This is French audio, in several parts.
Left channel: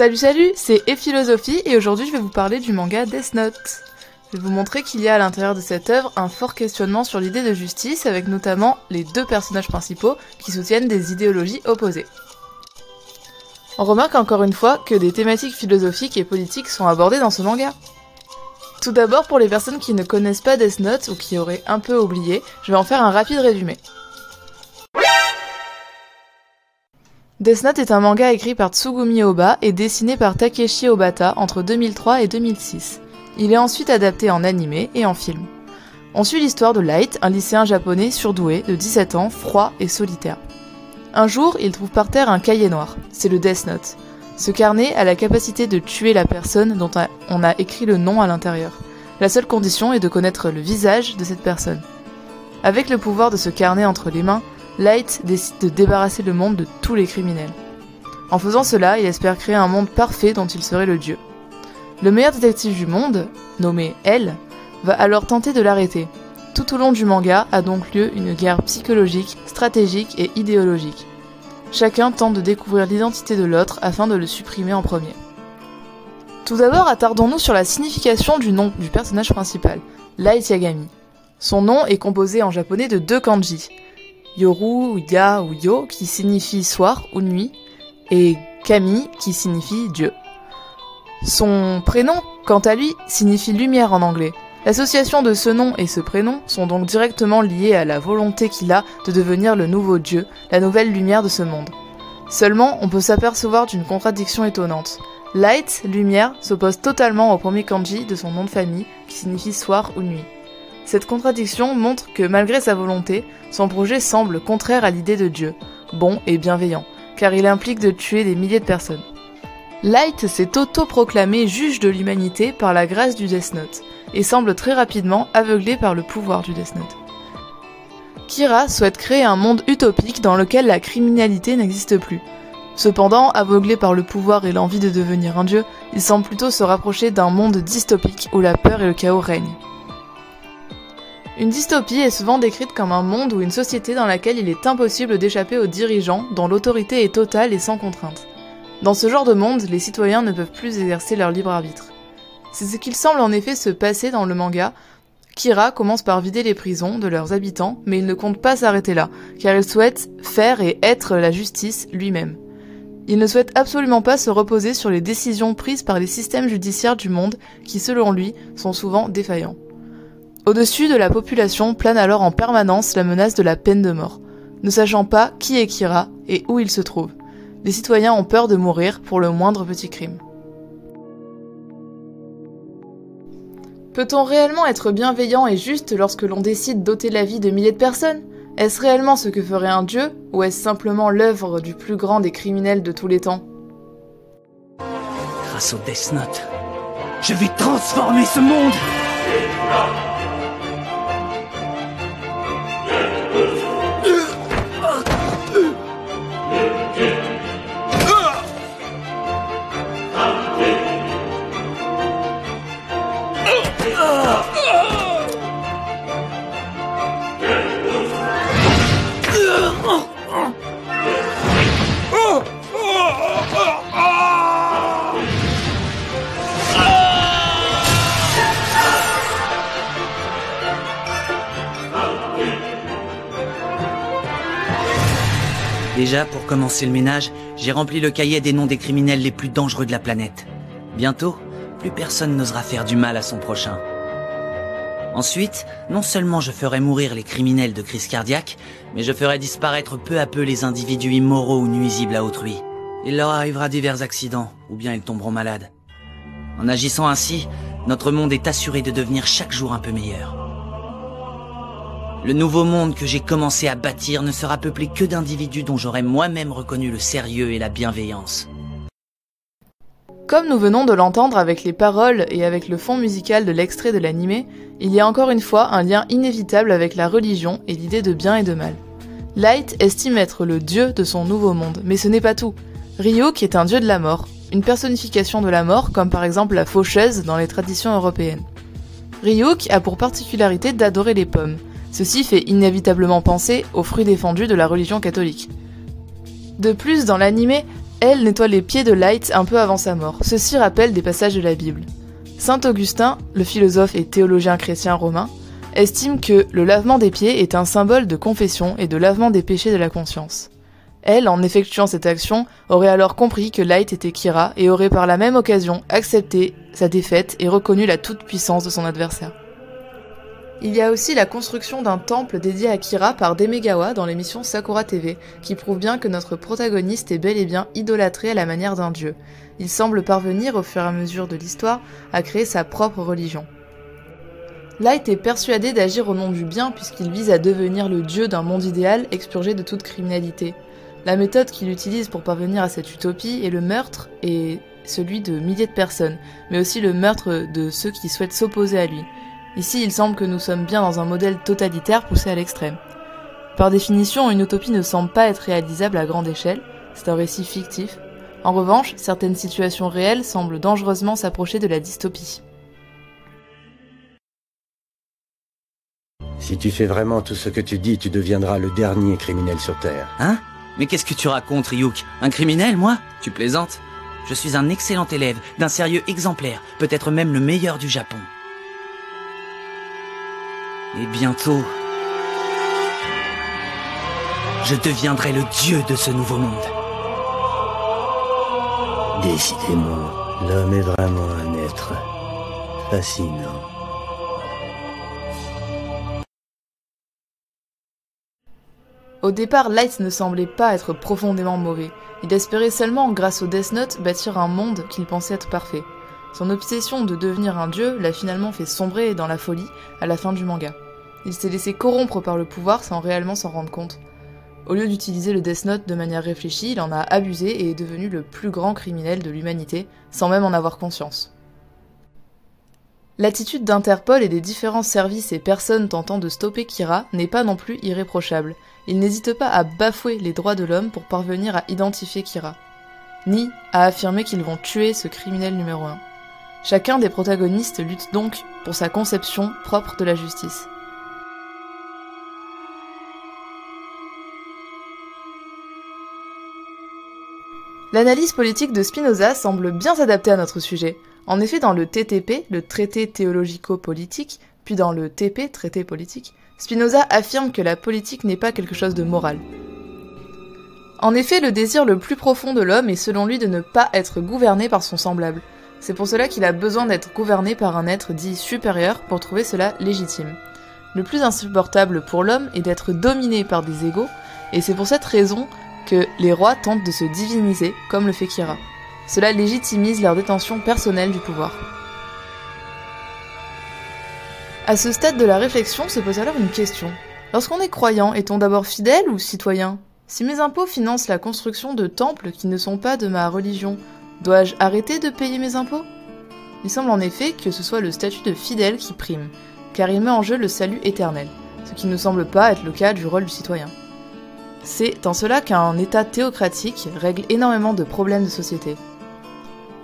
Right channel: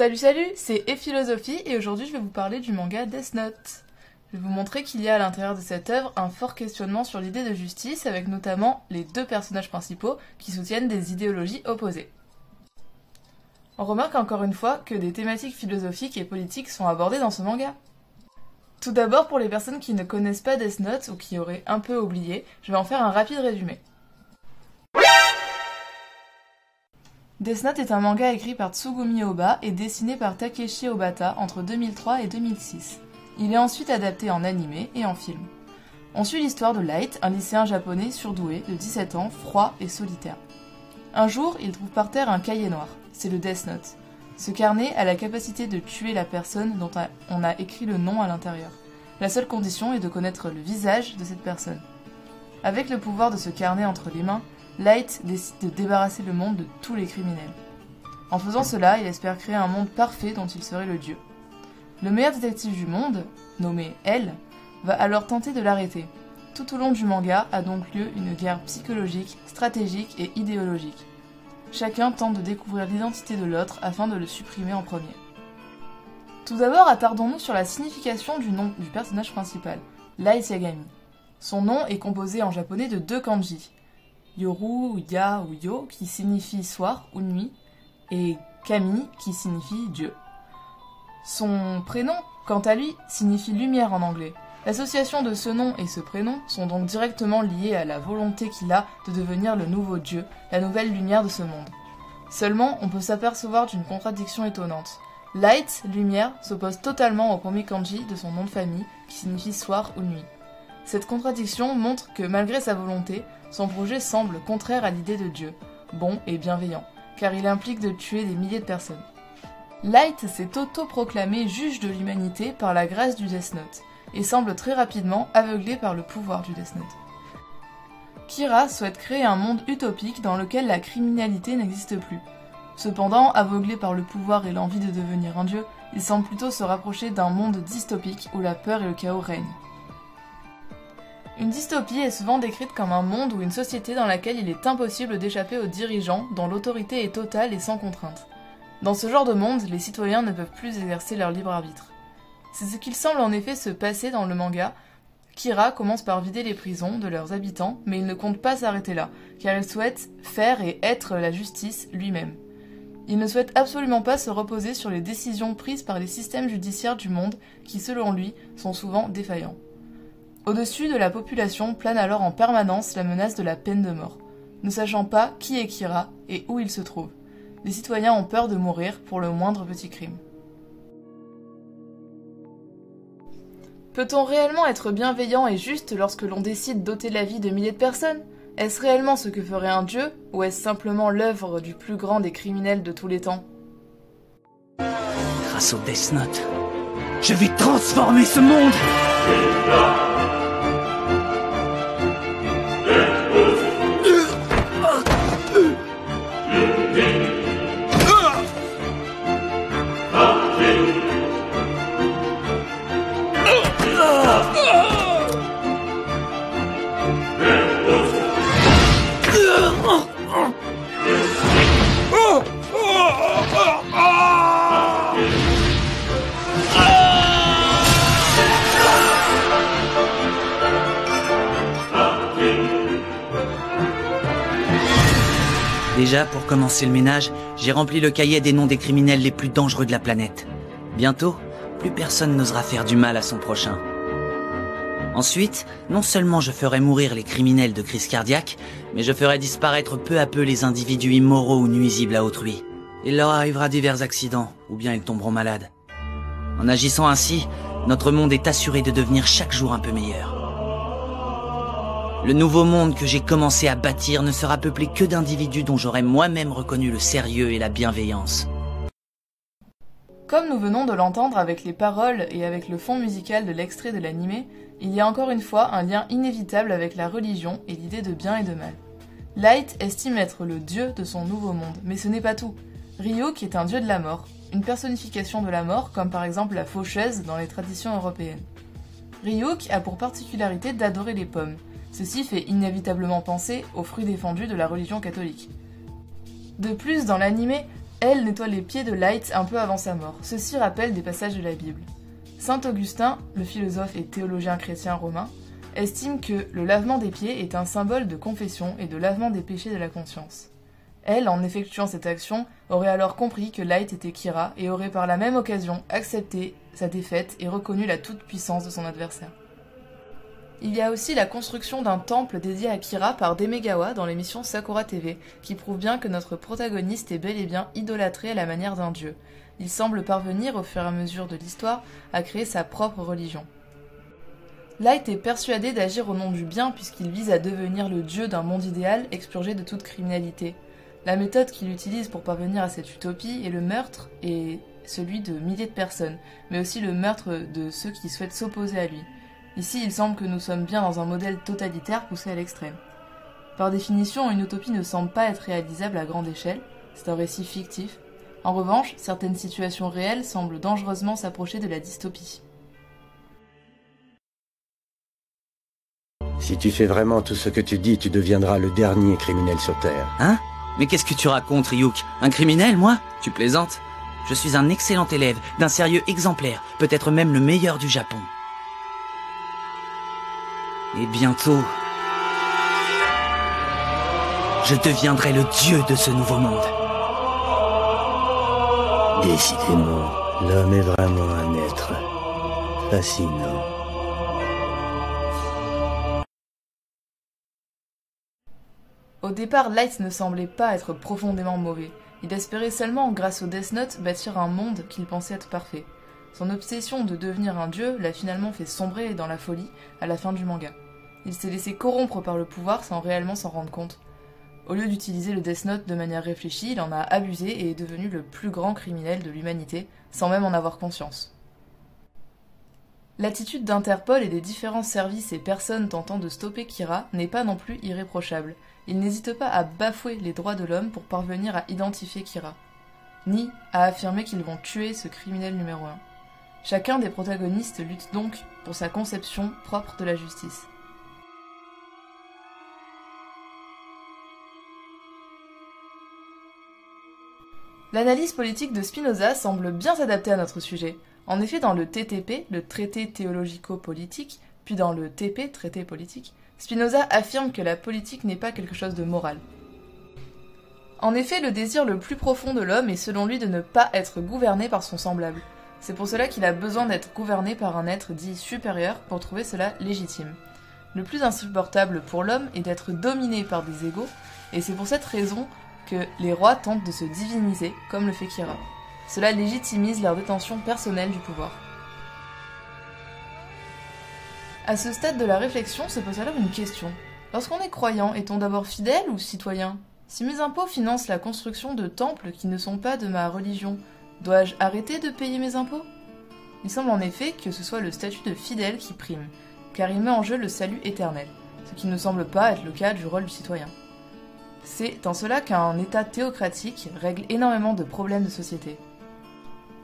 Salut, c'est Ephilosophie et aujourd'hui je vais vous parler du manga Death Note. Je vais vous montrer qu'il y a à l'intérieur de cette œuvre un fort questionnement sur l'idée de justice avec notamment les deux personnages principaux qui soutiennent des idéologies opposées. On remarque encore une fois que des thématiques philosophiques et politiques sont abordées dans ce manga. Tout d'abord, pour les personnes qui ne connaissent pas Death Note ou qui auraient un peu oublié, je vais en faire un rapide résumé. Death Note est un manga écrit par Tsugumi Ohba et dessiné par Takeshi Obata entre 2003 et 2006. Il est ensuite adapté en animé et en film. On suit l'histoire de Light, un lycéen japonais surdoué de 17 ans, froid et solitaire. Un jour, il trouve par terre un cahier noir, c'est le Death Note. Ce carnet a la capacité de tuer la personne dont on a écrit le nom à l'intérieur. La seule condition est de connaître le visage de cette personne. Avec le pouvoir de ce carnet entre les mains, Light décide de débarrasser le monde de tous les criminels. En faisant cela, il espère créer un monde parfait dont il serait le dieu. Le meilleur détective du monde, nommé L, va alors tenter de l'arrêter. Tout au long du manga a donc lieu une guerre psychologique, stratégique et idéologique. Chacun tente de découvrir l'identité de l'autre afin de le supprimer en premier. Tout d'abord, attardons-nous sur la signification du nom du personnage principal, Light Yagami. Son nom est composé en japonais de deux kanji, Yoru, Ya ou Yo qui signifie soir ou nuit, et Kami qui signifie Dieu. Son prénom, quant à lui, signifie lumière en anglais. L'association de ce nom et ce prénom sont donc directement liés à la volonté qu'il a de devenir le nouveau dieu, la nouvelle lumière de ce monde. Seulement, on peut s'apercevoir d'une contradiction étonnante. Light, lumière, s'oppose totalement au premier kanji de son nom de famille, qui signifie soir ou nuit. Cette contradiction montre que malgré sa volonté, son projet semble contraire à l'idée de Dieu, bon et bienveillant, car il implique de tuer des milliers de personnes. Light s'est auto-proclamé juge de l'humanité par la grâce du Death Note, et semble très rapidement aveuglé par le pouvoir du Death Note. Kira souhaite créer un monde utopique dans lequel la criminalité n'existe plus. Cependant, aveuglé par le pouvoir et l'envie de devenir un dieu, il semble plutôt se rapprocher d'un monde dystopique où la peur et le chaos règnent. Une dystopie est souvent décrite comme un monde ou une société dans laquelle il est impossible d'échapper aux dirigeants, dont l'autorité est totale et sans contrainte. Dans ce genre de monde, les citoyens ne peuvent plus exercer leur libre arbitre. C'est ce qu'il semble en effet se passer dans le manga. Kira commence par vider les prisons de leurs habitants, mais il ne compte pas s'arrêter là, car il souhaite faire et être la justice lui-même. Il ne souhaite absolument pas se reposer sur les décisions prises par les systèmes judiciaires du monde, qui selon lui, sont souvent défaillants. Au-dessus de la population plane alors en permanence la menace de la peine de mort. Ne sachant pas qui est Kira et où il se trouve, les citoyens ont peur de mourir pour le moindre petit crime. Peut-on réellement être bienveillant et juste lorsque l'on décide d'ôter la vie de milliers de personnes ? Est-ce réellement ce que ferait un dieu, ou est-ce simplement l'œuvre du plus grand des criminels de tous les temps ? Grâce au Death Note, je vais transformer ce monde ! Déjà, pour commencer le ménage, j'ai rempli le cahier des noms des criminels les plus dangereux de la planète. Bientôt, plus personne n'osera faire du mal à son prochain. Ensuite, non seulement je ferai mourir les criminels de crise cardiaque, mais je ferai disparaître peu à peu les individus immoraux ou nuisibles à autrui. Il leur arrivera divers accidents, ou bien ils tomberont malades. En agissant ainsi, notre monde est assuré de devenir chaque jour un peu meilleur. Le nouveau monde que j'ai commencé à bâtir ne sera peuplé que d'individus dont j'aurai moi-même reconnu le sérieux et la bienveillance. Comme nous venons de l'entendre avec les paroles et avec le fond musical de l'extrait de l'animé, il y a encore une fois un lien inévitable avec la religion et l'idée de bien et de mal. Light estime être le dieu de son nouveau monde, mais ce n'est pas tout. Ryuk est un dieu de la mort, une personnification de la mort comme par exemple la faucheuse dans les traditions européennes. Ryuk a pour particularité d'adorer les pommes. Ceci fait inévitablement penser aux fruits défendus de la religion catholique. De plus, dans l'anime, Elle nettoie les pieds de Light un peu avant sa mort. Ceci rappelle des passages de la Bible. Saint Augustin, le philosophe et théologien chrétien romain, estime que le lavement des pieds est un symbole de confession et de lavement des péchés de la conscience. Elle, en effectuant cette action, aurait alors compris que Light était Kira et aurait par la même occasion accepté sa défaite et reconnu la toute-puissance de son adversaire. Il y a aussi la construction d'un temple dédié à Kira par Demegawa dans l'émission Sakura TV, qui prouve bien que notre protagoniste est bel et bien idolâtré à la manière d'un dieu. Il semble parvenir, au fur et à mesure de l'histoire, à créer sa propre religion. Light est persuadé d'agir au nom du bien puisqu'il vise à devenir le dieu d'un monde idéal expurgé de toute criminalité. La méthode qu'il utilise pour parvenir à cette utopie est le meurtre et celui de milliers de personnes, mais aussi le meurtre de ceux qui souhaitent s'opposer à lui. Ici, il semble que nous sommes bien dans un modèle totalitaire poussé à l'extrême. Par définition, une utopie ne semble pas être réalisable à grande échelle, c'est un récit fictif. En revanche, certaines situations réelles semblent dangereusement s'approcher de la dystopie. Si tu fais vraiment tout ce que tu dis, tu deviendras le dernier criminel sur Terre. Hein? Mais qu'est-ce que tu racontes, Ryuk? Un criminel, moi? Tu plaisantes? Je suis un excellent élève, d'un sérieux exemplaire, peut-être même le meilleur du Japon. Et bientôt, je deviendrai le dieu de ce nouveau monde. Décidément, l'homme est vraiment un être fascinant. Au départ, Light ne semblait pas être profondément mauvais. Il espérait seulement, grâce au Death Note, bâtir un monde qu'il pensait être parfait. Son obsession de devenir un dieu l'a finalement fait sombrer dans la folie à la fin du manga. Il s'est laissé corrompre par le pouvoir sans réellement s'en rendre compte. Au lieu d'utiliser le Death Note de manière réfléchie, il en a abusé et est devenu le plus grand criminel de l'humanité, sans même en avoir conscience. L'attitude d'Interpol et des différents services et personnes tentant de stopper Kira n'est pas non plus irréprochable. Ils n'hésitent pas à bafouer les droits de l'homme pour parvenir à identifier Kira, ni à affirmer qu'ils vont tuer ce criminel numéro 1. Chacun des protagonistes lutte donc pour sa conception propre de la justice. L'analyse politique de Spinoza semble bien s'adapter à notre sujet. En effet, dans le TTP, le traité théologico-politique, puis dans le TP, traité politique, Spinoza affirme que la politique n'est pas quelque chose de moral. En effet, le désir le plus profond de l'homme est selon lui de ne pas être gouverné par son semblable. C'est pour cela qu'il a besoin d'être gouverné par un être dit supérieur pour trouver cela légitime. Le plus insupportable pour l'homme est d'être dominé par des égaux, et c'est pour cette raison que les rois tentent de se diviniser, comme le fait Kira. Cela légitimise leur détention personnelle du pouvoir. À ce stade de la réflexion se pose alors une question. Lorsqu'on est croyant, est-on d'abord fidèle ou citoyen? Si mes impôts financent la construction de temples qui ne sont pas de ma religion, dois-je arrêter de payer mes impôts? Il semble en effet que ce soit le statut de fidèle qui prime, car il met en jeu le salut éternel, ce qui ne semble pas être le cas du rôle du citoyen. C'est en cela qu'un État théocratique règle énormément de problèmes de société.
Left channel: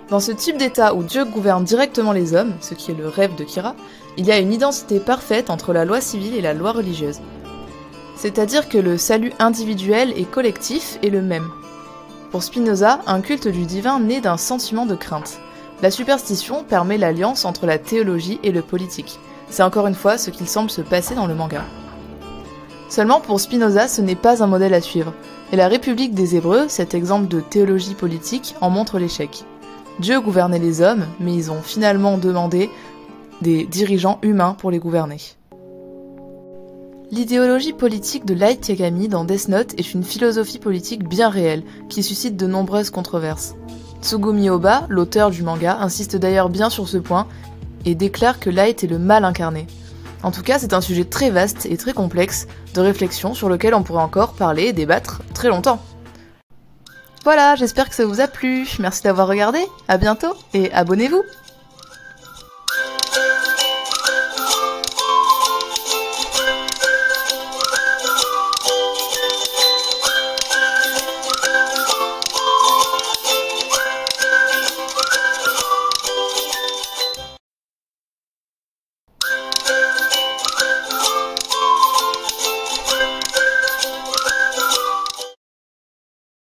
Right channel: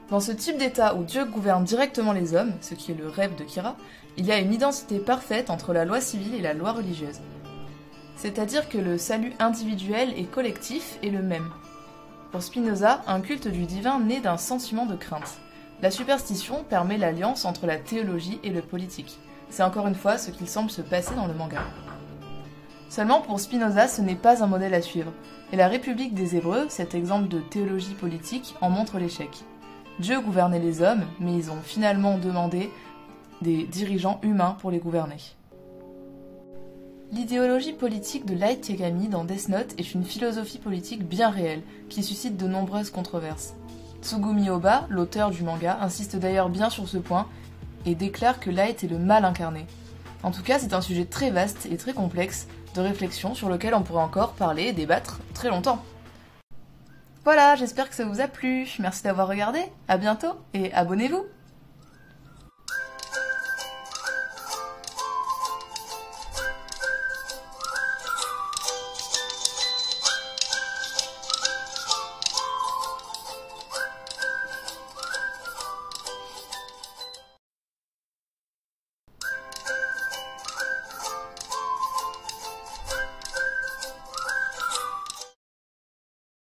Dans ce type d'État où Dieu gouverne directement les hommes, ce qui est le rêve de Kira, il y a une identité parfaite entre la loi civile et la loi religieuse. C'est-à-dire que le salut individuel et collectif est le même. Pour Spinoza, un culte du divin naît d'un sentiment de crainte. La superstition permet l'alliance entre la théologie et le politique. C'est encore une fois ce qu'il semble se passer dans le manga. Seulement pour Spinoza, ce n'est pas un modèle à suivre, et la République des Hébreux, cet exemple de théologie politique, en montre l'échec. Dieu gouvernait les hommes, mais ils ont finalement demandé des dirigeants humains pour les gouverner. L'idéologie politique de Light Yagami dans Death Note est une philosophie politique bien réelle, qui suscite de nombreuses controverses. Tsugumi Ohba, l'auteur du manga, insiste d'ailleurs bien sur ce point, et déclare que Light est le mal incarné. En tout cas, c'est un sujet très vaste et très complexe de réflexion sur lequel on pourrait encore parler et débattre très longtemps. Voilà, j'espère que ça vous a plu, merci d'avoir regardé, à bientôt et abonnez-vous!